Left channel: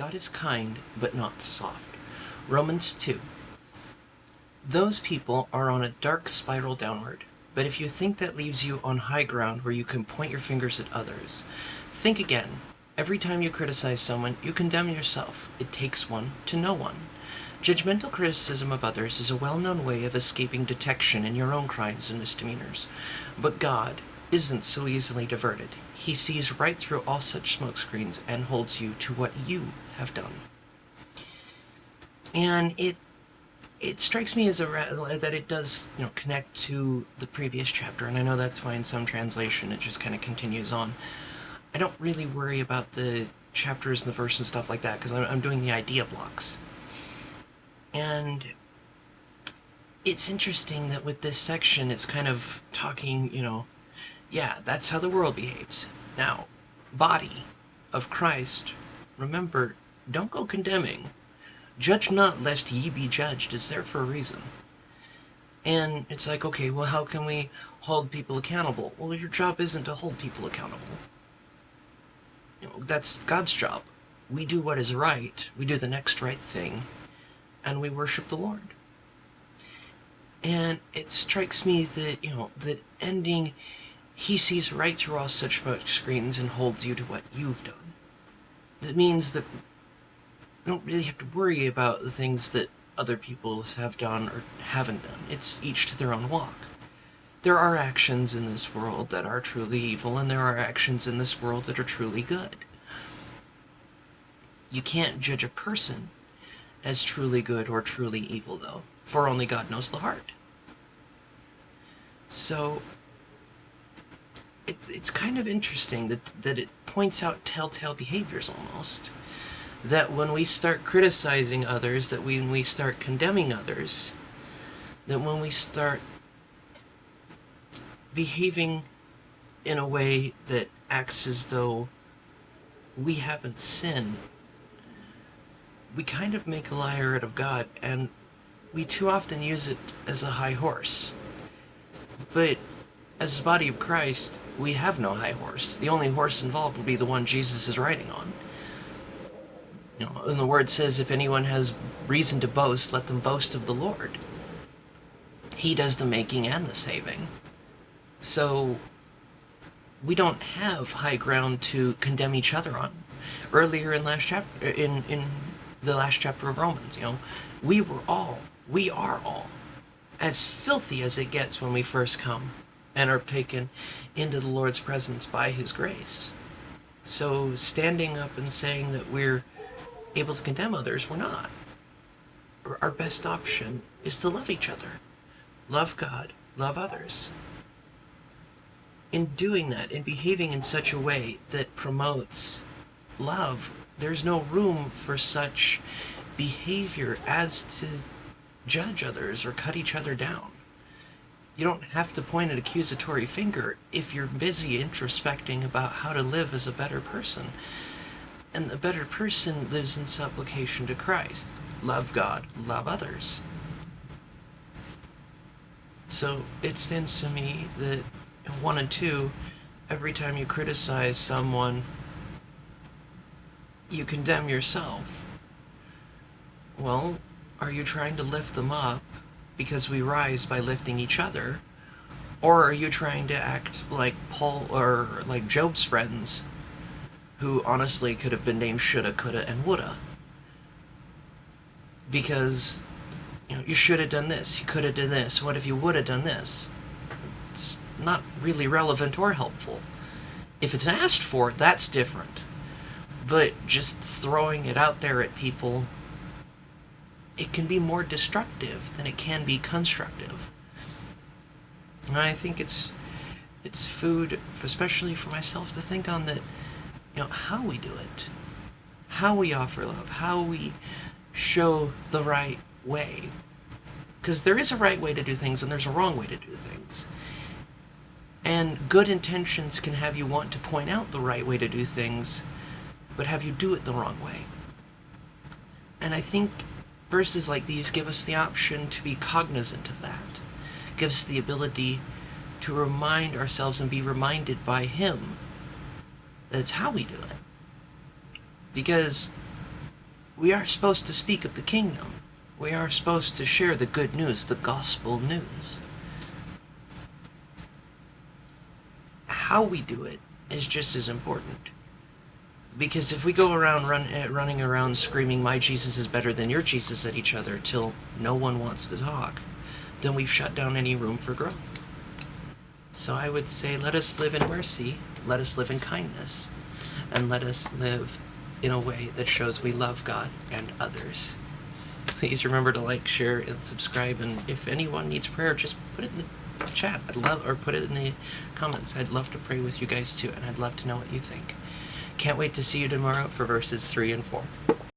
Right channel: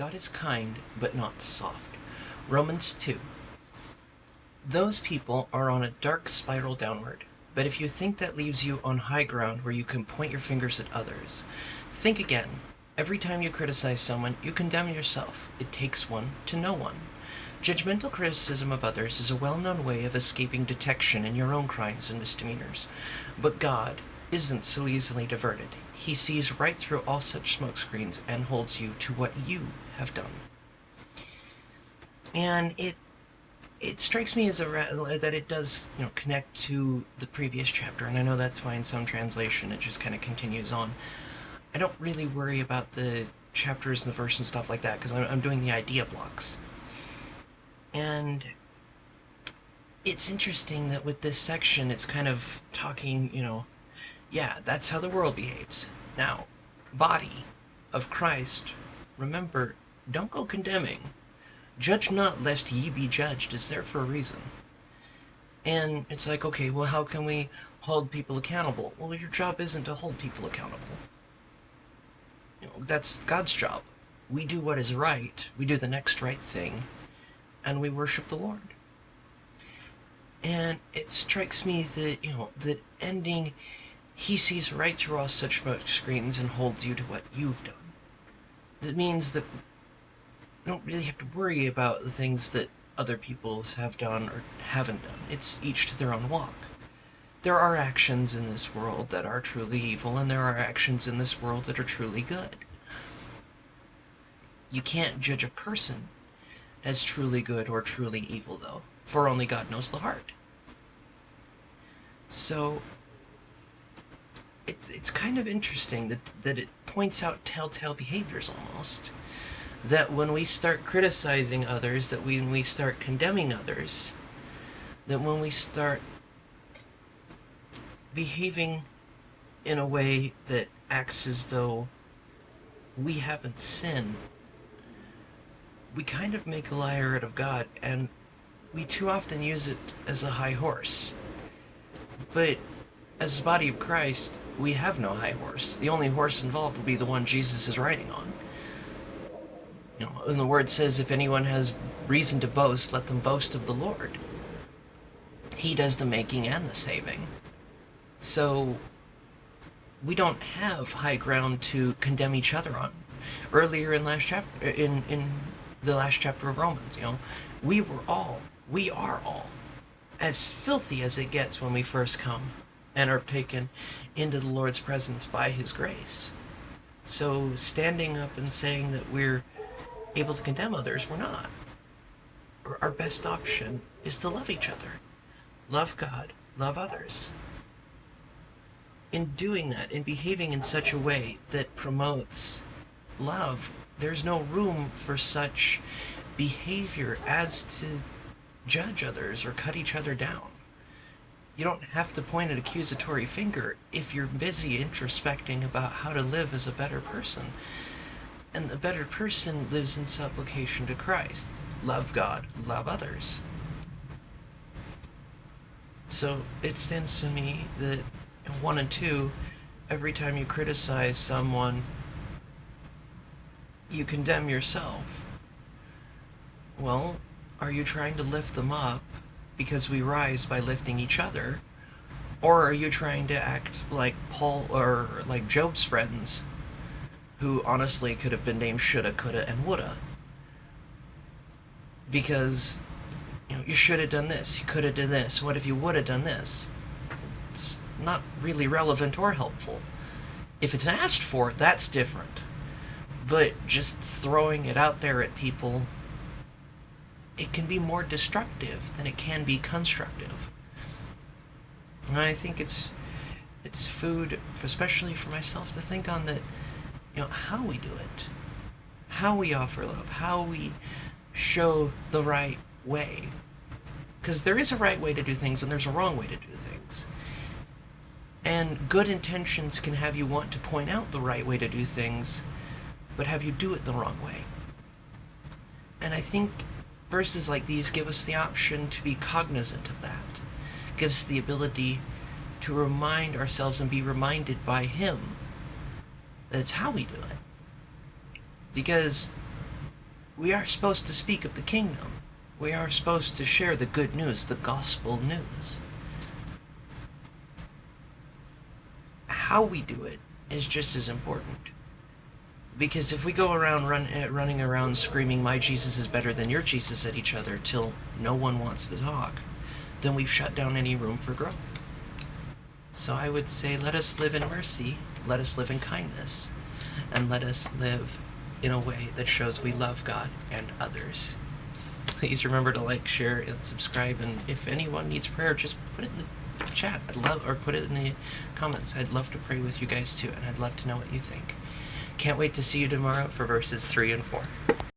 God is kind, but not soft. Romans 2. Those people are on a dark spiral downward. But if you think that leaves you on high ground where you can point your fingers at others, think again. Every time you criticize someone, you condemn yourself. It takes one to know one. Judgmental criticism of others is a well-known way of escaping detection in your own crimes and misdemeanors. But God isn't so easily diverted. He sees right through all such smokescreens and holds you to what you have done. And it strikes me as that it does, connect to the previous chapter, and I know that's why in some translation it just kind of continues on. I don't really worry about the chapters and the verse and stuff like that because I'm doing the idea blocks. And it's interesting that with this section it's kind of talking, yeah, that's how the world behaves. Now, body of Christ, remember, don't go condemning. Judge not, lest ye be judged, is there for a reason. And it's like, okay, well, how can we hold people accountable? Well, your job isn't to hold people accountable. That's God's job. We do what is right, we do the next right thing, and we worship the Lord. And it strikes me that, that ending, he sees right through all such screens and holds you to what you've done. That means that we don't really have to worry about the things that other people have done or haven't done. It's each to their own walk. There are actions in this world that are truly evil, and there are actions in this world that are truly good. You can't judge a person as truly good or truly evil, though, for only God knows the heart. So it's kind of interesting that it points out telltale behaviors almost. That when we start criticizing others, that when we start condemning others, that when we start behaving in a way that acts as though we haven't sinned, we kind of make a liar out of God, and we too often use it as a high horse. But as the body of Christ, we have no high horse. The only horse involved will be the one Jesus is riding on. And the word says, if anyone has reason to boast, let them boast of the Lord. He does the making and the saving. So we don't have high ground to condemn each other on. Earlier in the last chapter of Romans, we are all as filthy as it gets when we first come and are taken into the Lord's presence by his grace. So standing up and saying that we're able to condemn others, we're not. Our best option is to love each other. Love God, love others. In doing that, in behaving in such a way that promotes love, there's no room for such behavior as to judge others or cut each other down. You don't have to point an accusatory finger if you're busy introspecting about how to live as a better person. And a better person lives in supplication to Christ. Love God, love others. So it stands to me that in 1 and 2, every time you criticize someone, you condemn yourself. Well, are you trying to lift them up because we rise by lifting each other? Or are you trying to act like Paul or like Job's friends, who honestly could have been named shoulda, coulda, and woulda? Because, you should have done this, you could have done this, what if you would have done this? It's not really relevant or helpful. If it's asked for, that's different. But just throwing it out there at people, it can be more destructive than it can be constructive. And I think it's food, especially for myself, to think on that, how we do it, how we offer love, how we show the right way. Because there is a right way to do things and there's a wrong way to do things. And good intentions can have you want to point out the right way to do things, but have you do it the wrong way. And I think verses like these give us the option to be cognizant of that. Give us the ability to remind ourselves and be reminded by him that it's how we do it. Because we are supposed to speak of the kingdom. We are supposed to share the good news, the gospel news. How we do it is just as important. Because if we go around running around screaming, my Jesus is better than your Jesus at each other till no one wants to talk, then we've shut down any room for growth. So I would say, let us live in mercy, let us live in kindness, and let us live in a way that shows we love God and others. Please remember to like, share, and subscribe. And if anyone needs prayer, just put it in the chat. Or put it in the comments. I'd love to pray with you guys too, and I'd love to know what you think. Can't wait to see you tomorrow for verses 3 and 4.